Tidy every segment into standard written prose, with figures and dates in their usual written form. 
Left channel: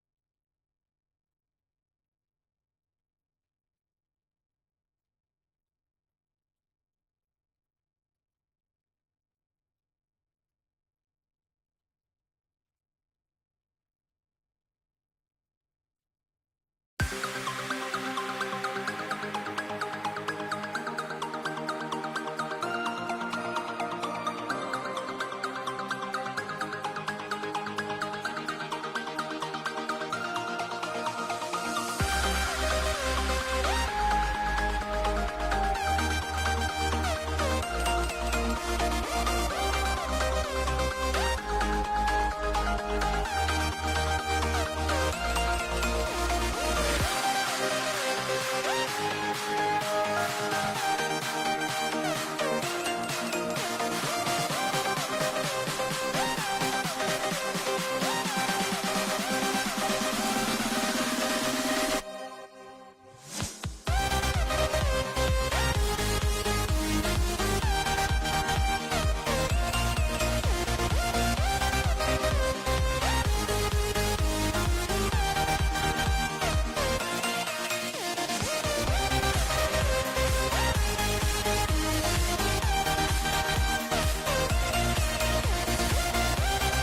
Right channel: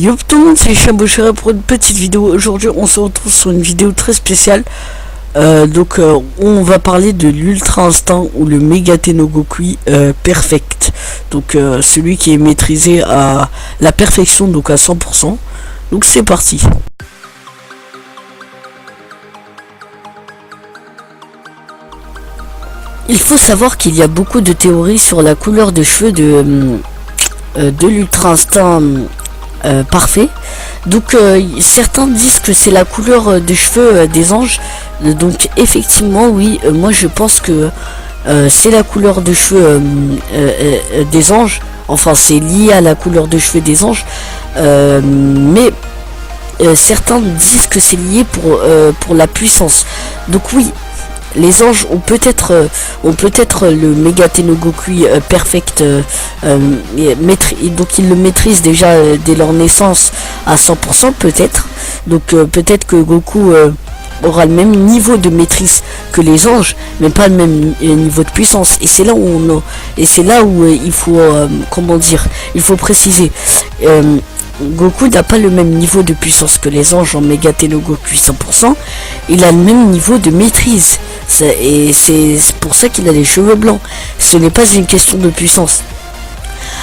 Yo tout le monde, c'est Chabouchera pour une petite vidéo. Aujourd'hui on se retrouve sur une vidéo très spéciale. On va parler de l'Ultra Instinct ou le Mega Tengoku Perfect. Donc celui qui est maîtrisé à la perfection, donc à 100%. Donc c'est parti. Il faut savoir qu'il y a beaucoup de théories sur la couleur de cheveux de l'Ultra Instinct parfait. Donc certains disent que c'est la couleur des cheveux des anges. Donc effectivement oui, moi je pense que c'est la couleur de cheveux des anges. Enfin c'est lié à la couleur de cheveux des anges, mais certains disent que c'est lié pour la puissance. Donc oui, les anges ont peut-être le Mega Tengoku Perfect, donc ils le maîtrisent déjà dès leur naissance à 100% peut-être. Donc peut-être que Goku aura le même niveau de maîtrise que les anges, mais pas le même niveau de puissance. Et c'est là où il faut comment dire, il faut préciser. Goku n'a pas le même niveau de puissance que les anges en Mega Tengoku 100%. Il a le même niveau de maîtrise. Et c'est pour ça qu'il a les cheveux blancs. Ce n'est pas une question de puissance.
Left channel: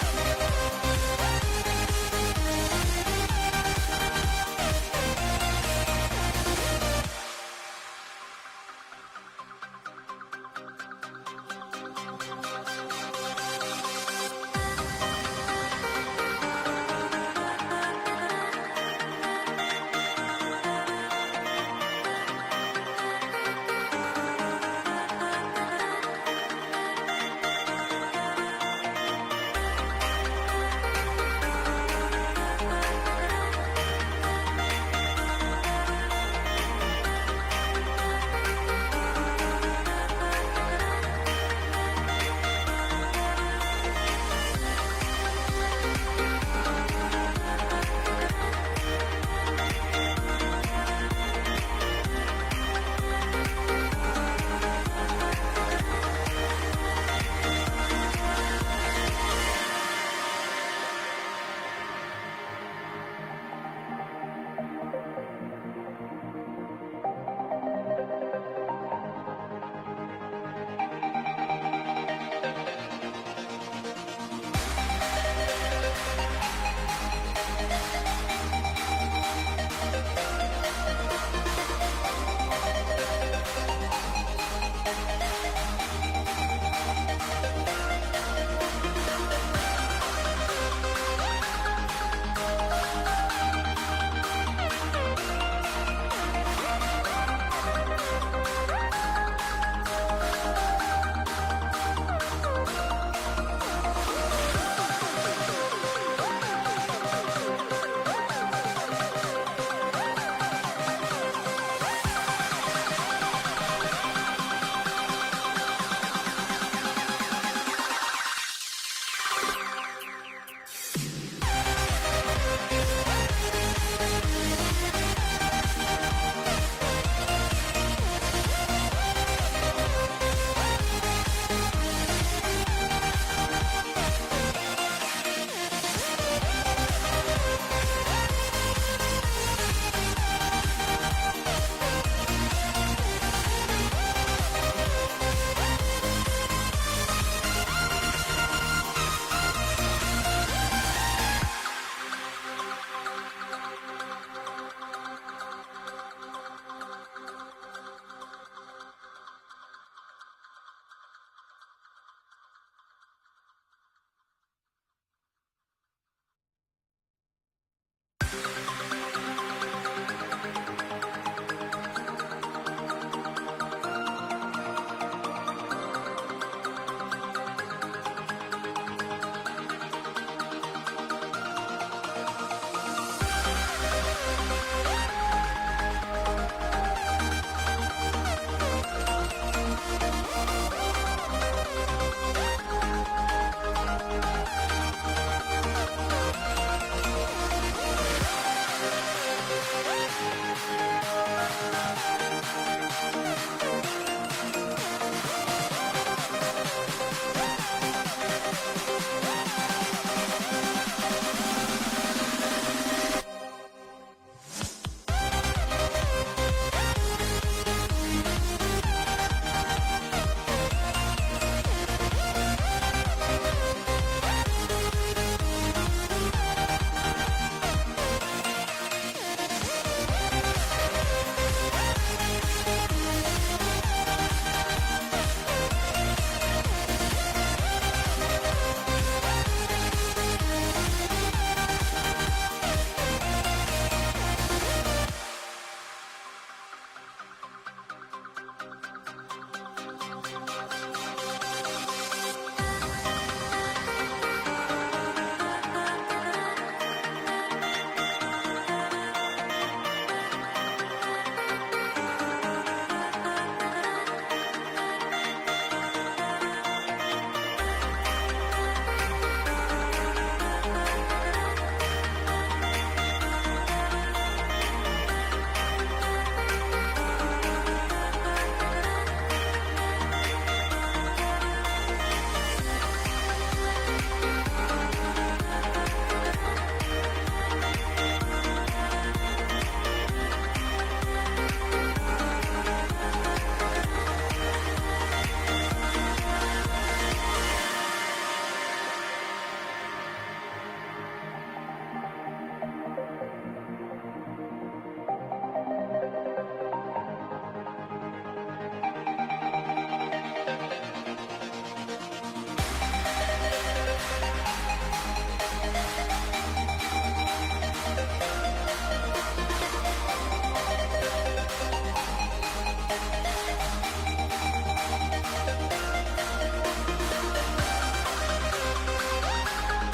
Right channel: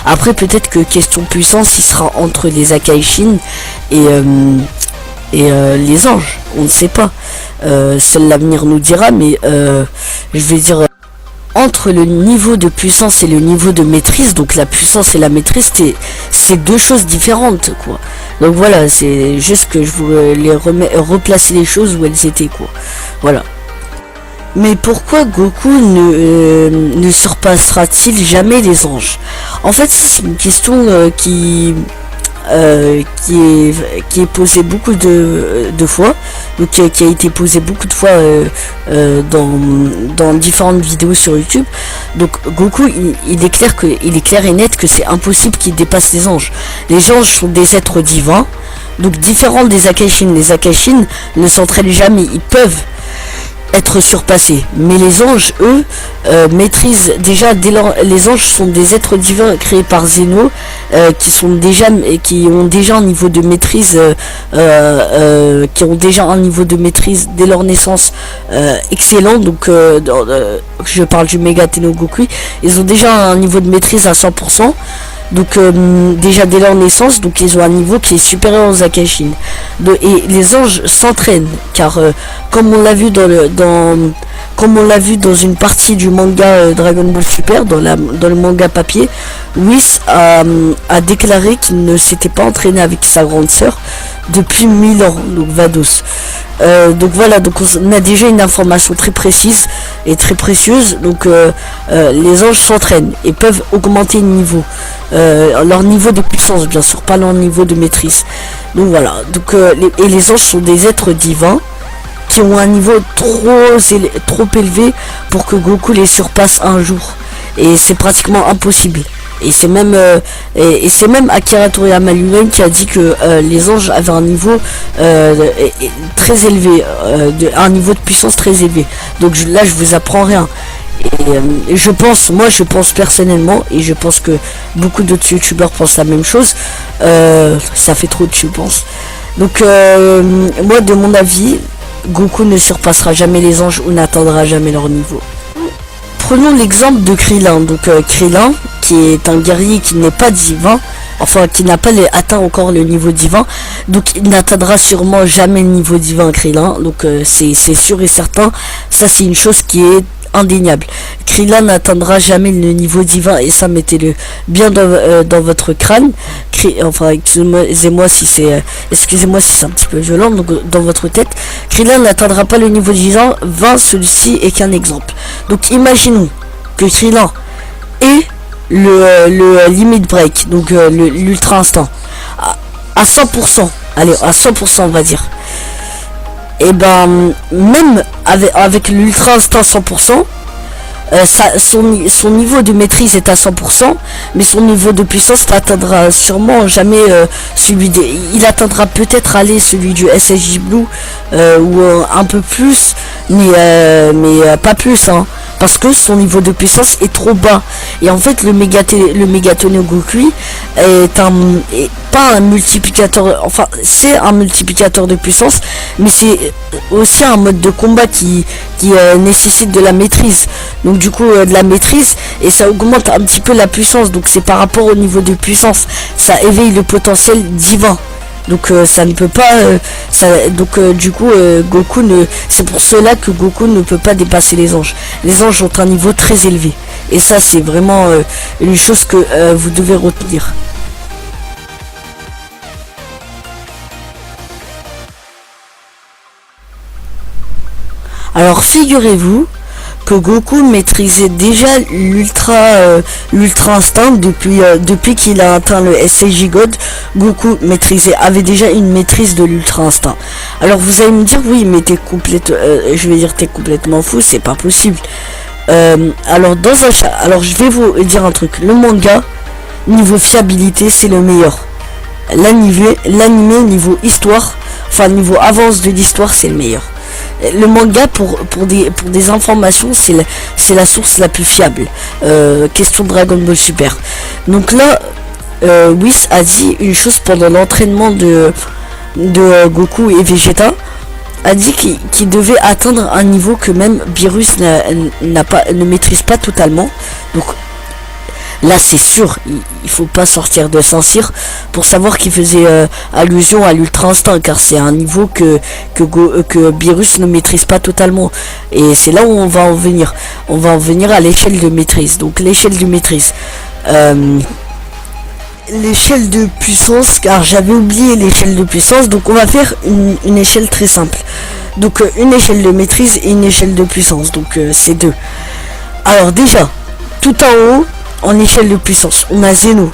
Après peut-être que question puissance il sera entre les Akaishin et les anges. On ne sait pas. Seul l'avenir nous dira, mais je vais dire entre le niveau de puissance et le niveau de maîtrise. Donc la puissance et la maîtrise c'est deux choses différentes quoi. Donc voilà, c'est juste que je voulais replacer les choses où elles étaient quoi. Voilà. Mais pourquoi Goku ne surpassera-t-il jamais les anges? En fait, c'est une question qui est posée beaucoup de fois, donc qui a été posée beaucoup de fois dans différentes vidéos sur YouTube. Donc Goku, il est clair et net que c'est impossible qu'il dépasse les anges. Les anges sont des êtres divins, donc différents des Akaishin. Les Akaishin ne s'entraînent jamais, ils peuvent être surpassés, mais les anges eux maîtrisent déjà les anges sont des êtres divins créés par Zeno, qui ont déjà un niveau de maîtrise dès leur naissance excellent. Donc je parle du Mega Tengoku, ils ont déjà un niveau de maîtrise à 100%. Donc déjà dès leur naissance, donc ils ont un niveau qui est supérieur aux Akaishin. Et les anges s'entraînent, car comme on l'a vu dans une partie du manga Dragon Ball Super, dans le manga papier, Whis a déclaré qu'il ne s'était pas entraîné avec sa grande sœur depuis 1000 ans, donc Vados. Donc voilà, donc on a déjà une information très précise et très précieuse. Donc les anges s'entraînent et peuvent augmenter le niveau, leur niveau de puissance bien sûr, pas leur niveau de maîtrise. Donc voilà, donc les anges sont des êtres divins qui ont un niveau trop élevé pour que Goku les surpasse un jour, et c'est pratiquement impossible. Et c'est même Akira Toriyama lui-même qui a dit que les anges avaient un niveau très élevé, un niveau de puissance très élevé. Donc là je vous apprends rien. Et je pense personnellement, et je pense que beaucoup d'autres youtubeurs pensent la même chose, ça fait trop de je pense. Donc moi de mon avis, Goku ne surpassera jamais les anges ou n'atteindra jamais leur niveau. Prenons l'exemple de Krillin. Donc Krillin, qui est un guerrier qui n'est pas divin, enfin qui n'a pas atteint encore le niveau divin, donc il n'atteindra sûrement jamais le niveau divin Krillin. Donc c'est sûr et certain, ça c'est une chose qui est indéniable. Krillin n'atteindra jamais le niveau divin, et ça mettez-le bien dans votre crâne. Enfin excusez-moi si c'est un petit peu violent, donc dans votre tête, Krillin n'atteindra pas le niveau divin. Celui-ci est qu'un exemple. Donc imaginons que Krillin ait le limit break, donc l'ultra instinct à 100%, allez à 100% on va dire. Et ben même avec l'ultra instinct 100%, son niveau de maîtrise est à 100%, mais son niveau de puissance n'atteindra sûrement jamais il atteindra peut-être celui du SSJ Blue, ou un peu plus, mais pas plus hein. parce que son niveau de puissance est trop bas. Et en fait, le Megaton Goku est pas un multiplicateur, enfin c'est un multiplicateur de puissance, mais c'est aussi un mode de combat qui nécessite de la maîtrise. Donc du coup de la maîtrise, et ça augmente un petit peu la puissance. Donc c'est par rapport au niveau de puissance, ça éveille le potentiel divin. Donc ça ne peut pas du coup Goku ne, c'est pour cela que Goku ne peut pas dépasser les anges. Les anges ont un niveau très élevé, et ça c'est vraiment une chose que vous devez retenir. Alors figurez-vous que Goku maîtrisait déjà l'ultra instinct depuis qu'il a atteint le SCJ God. Goku avait déjà une maîtrise de l'ultra instinct. Alors vous allez me dire, oui mais t'es complètement fou, c'est pas possible. Alors je vais vous dire un truc. Le manga niveau fiabilité c'est le meilleur. L'anime niveau histoire, enfin niveau avance de l'histoire, c'est le meilleur. Le manga pour des informations c'est la source la plus fiable. Question Dragon Ball Super. Donc là Whis a dit une chose pendant l'entraînement de Goku et Vegeta, a dit qu'il devait atteindre un niveau que même Beerus ne maîtrise pas totalement. Donc là c'est sûr, il faut pas sortir de Saint-Cyr pour savoir qu'il faisait allusion à l'ultra instinct, car c'est un niveau que Beerus ne maîtrise pas totalement. Et c'est là où on va en venir. On va en venir à l'échelle de maîtrise. Donc l'échelle de maîtrise. L'échelle de puissance, car j'avais oublié l'échelle de puissance. Donc on va faire une échelle très simple. Donc une échelle de maîtrise et une échelle de puissance. Donc c'est deux. Alors déjà, tout en haut, en échelle de puissance, on a Zeno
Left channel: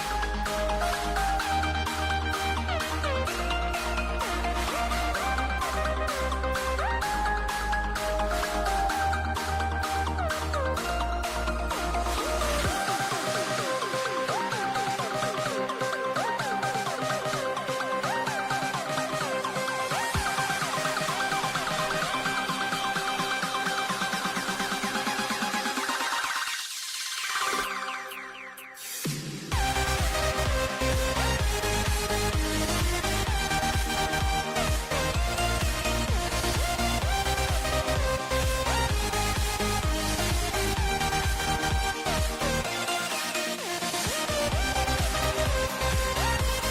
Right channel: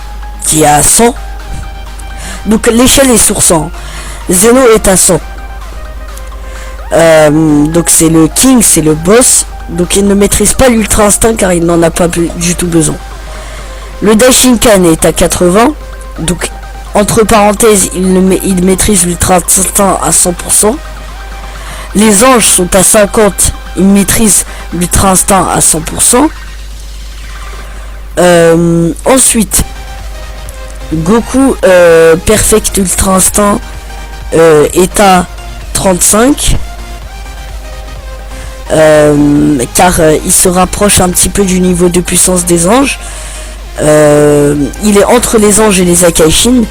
qui est à 100. Donc l'échelle est sur 100. Zeno est à 100. Donc c'est le king, c'est le boss. Donc il ne maîtrise pas l'ultra instinct car il n'en a pas du tout besoin. Le Daishinkan est à 80. Donc entre parenthèses, il maîtrise l'ultra instinct à 100%. Les anges sont à 50. Ils maîtrisent l'ultra instinct à 100%. Ensuite Goku Perfect Ultra Instinct est à 35, car il se rapproche un petit peu du niveau de puissance des anges. Il est entre les anges et les Akaishin,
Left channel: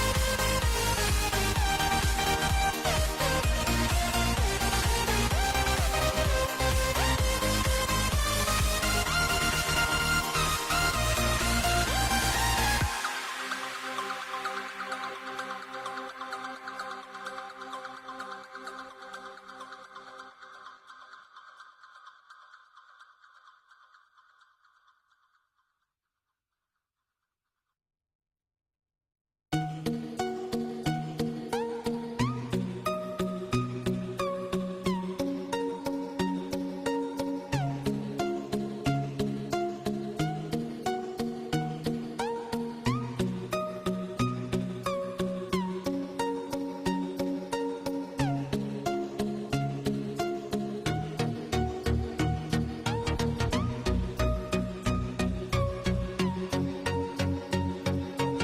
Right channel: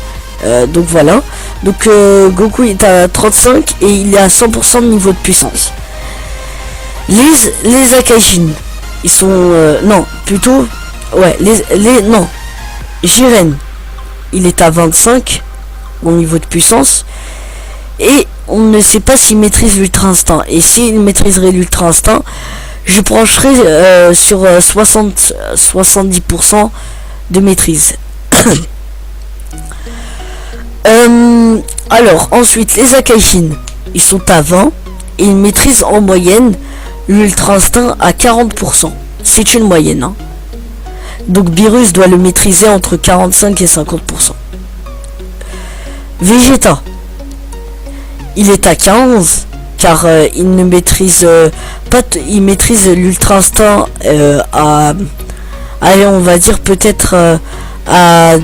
donc voilà. Donc Goku est à 35 et il est à 100% de niveau de puissance. Les Akaishin, ils sont non, plutôt ouais, non, Jiren, il est à 25 au niveau de puissance, et on ne sait pas s'il maîtrise l'ultra instinct. Et s'il maîtriserait l'ultra instinct, je pencherai sur 70% de maîtrise. Alors ensuite les Akaishin, ils sont à 20 et ils maîtrisent en moyenne l'ultra instinct à 40%. C'est une moyenne, hein. Donc Beerus doit le maîtriser entre 45 et 50%. Vegeta, il est à 15 car il ne maîtrise pas, il maîtrise l'ultra instinct allez, on va dire peut-être à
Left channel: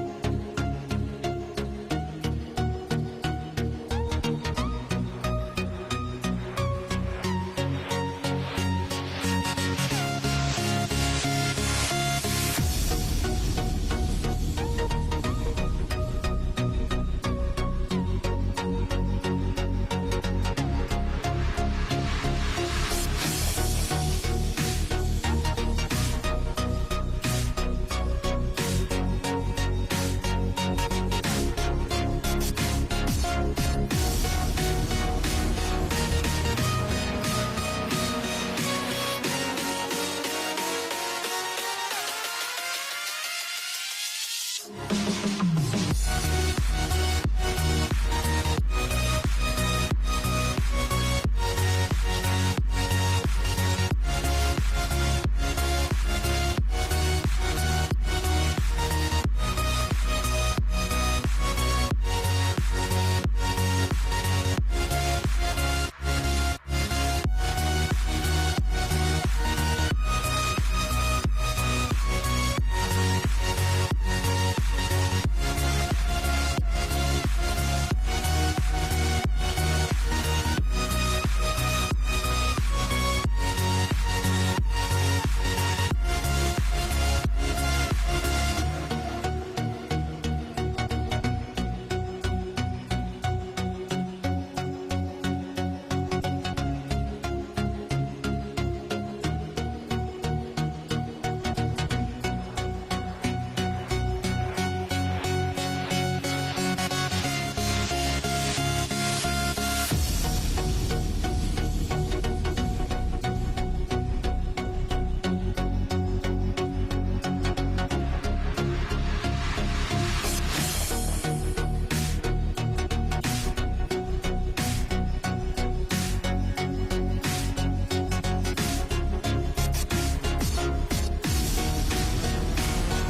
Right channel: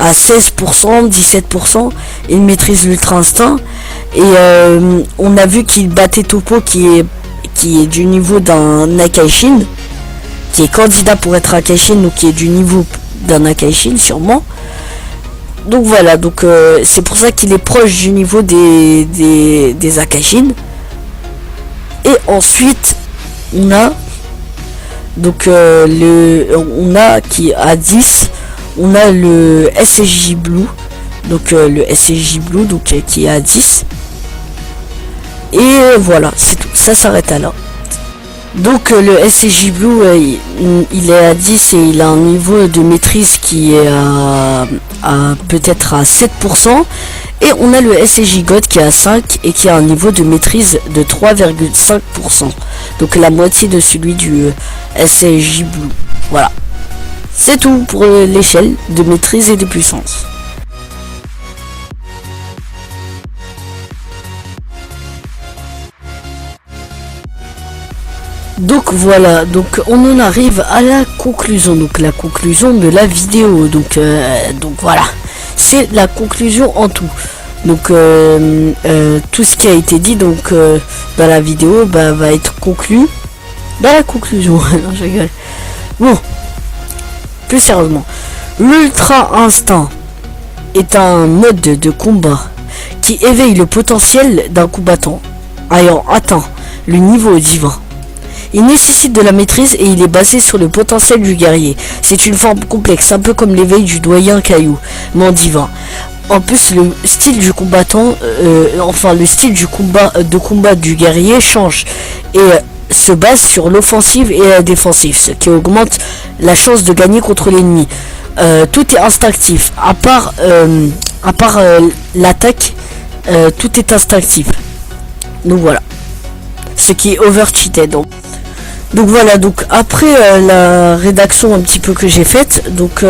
16%, 17%. Il maîtrise l'ultra instinct, et on a vu qu'il battait Toppo qui est du niveau d'un Akaishin, qui est candidat pour être Akaishin, ou qui est du niveau d'un Akaishin sûrement. Donc voilà, donc c'est pour ça qu'il est proche du niveau des Akaishin. Et ensuite on a donc on a qui a 10, on a le SSJ Blue, donc le SSJ Blue donc qui est à 10. Et voilà, c'est tout, ça s'arrête là. Donc le SCJ Blue il est à 10 et il a un niveau de maîtrise qui est à peut-être à 7%. Et on a le SCJ God qui est à 5 et qui a un niveau de maîtrise de 3,5%. Donc la moitié de celui du SCJ Blue. Voilà. C'est tout pour l'échelle de maîtrise et de puissance. Donc voilà, donc on en arrive à la conclusion, donc la conclusion de la vidéo, donc voilà, c'est la conclusion en tout. Donc tout ce qui a été dit donc dans la vidéo va être conclu dans la conclusion. Non, je rigole. Bon, plus sérieusement, l'ultra instinct est un mode de combat qui éveille le potentiel d'un combattant ayant atteint le niveau divin. Il nécessite de la maîtrise et il est basé sur le potentiel du guerrier. C'est une forme complexe, un peu comme l'éveil du doyen Caillou, mais en divin. En plus, le style du combattant, le style du combat du guerrier change et se base sur l'offensive et la défensive, ce qui augmente la chance de gagner contre l'ennemi. Tout est instinctif, à part l'attaque, tout est instinctif. Donc voilà, ce qui est overcheated. Donc voilà, donc après la rédaction un petit peu que j'ai faite, donc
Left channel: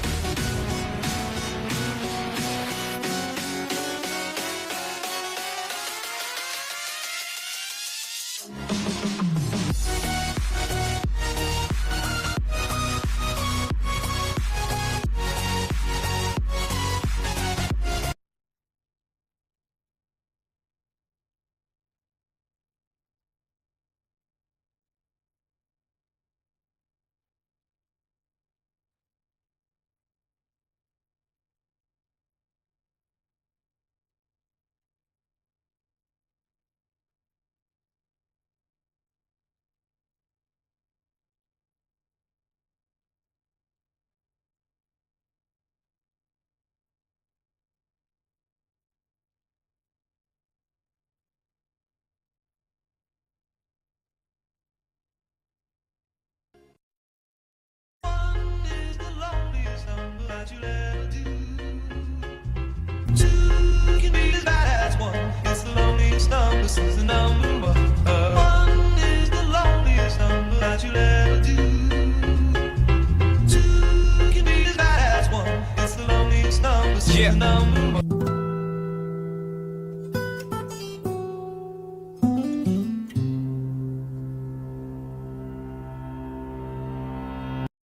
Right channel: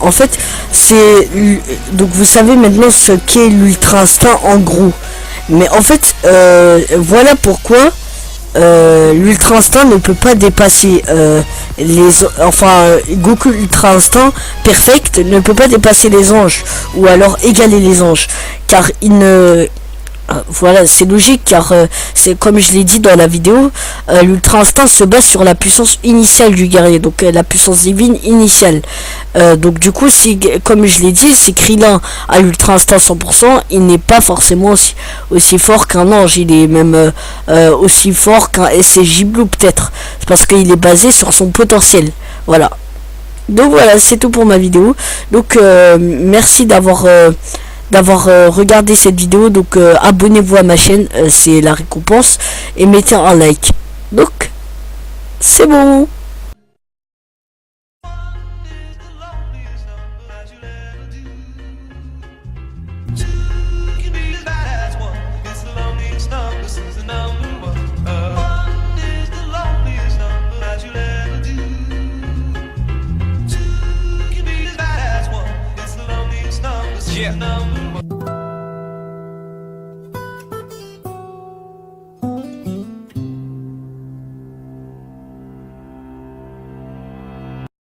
en fait c'est donc vous savez maintenant ce qu'est l'ultra instinct en gros. Mais en fait voilà pourquoi l'ultra instinct ne peut pas dépasser Goku ultra instinct perfect ne peut pas dépasser les anges ou alors égaler les anges, car il ne voilà, c'est logique car c'est comme je l'ai dit dans la vidéo, l'ultra instinct se base sur la puissance initiale du guerrier, donc la puissance divine initiale. Donc du coup, si, comme je l'ai dit, si Krillin a l'ultra instinct 100%, il n'est pas forcément aussi fort qu'un ange, il est même aussi fort qu'un SSJ Blue peut-être. C'est parce qu'il est basé sur son potentiel. Voilà. Donc voilà, c'est tout pour ma vidéo. Donc merci d'avoir regardé cette vidéo. Donc abonnez-vous à ma chaîne, c'est la récompense, et mettez un like. Donc c'est bon. Yeah.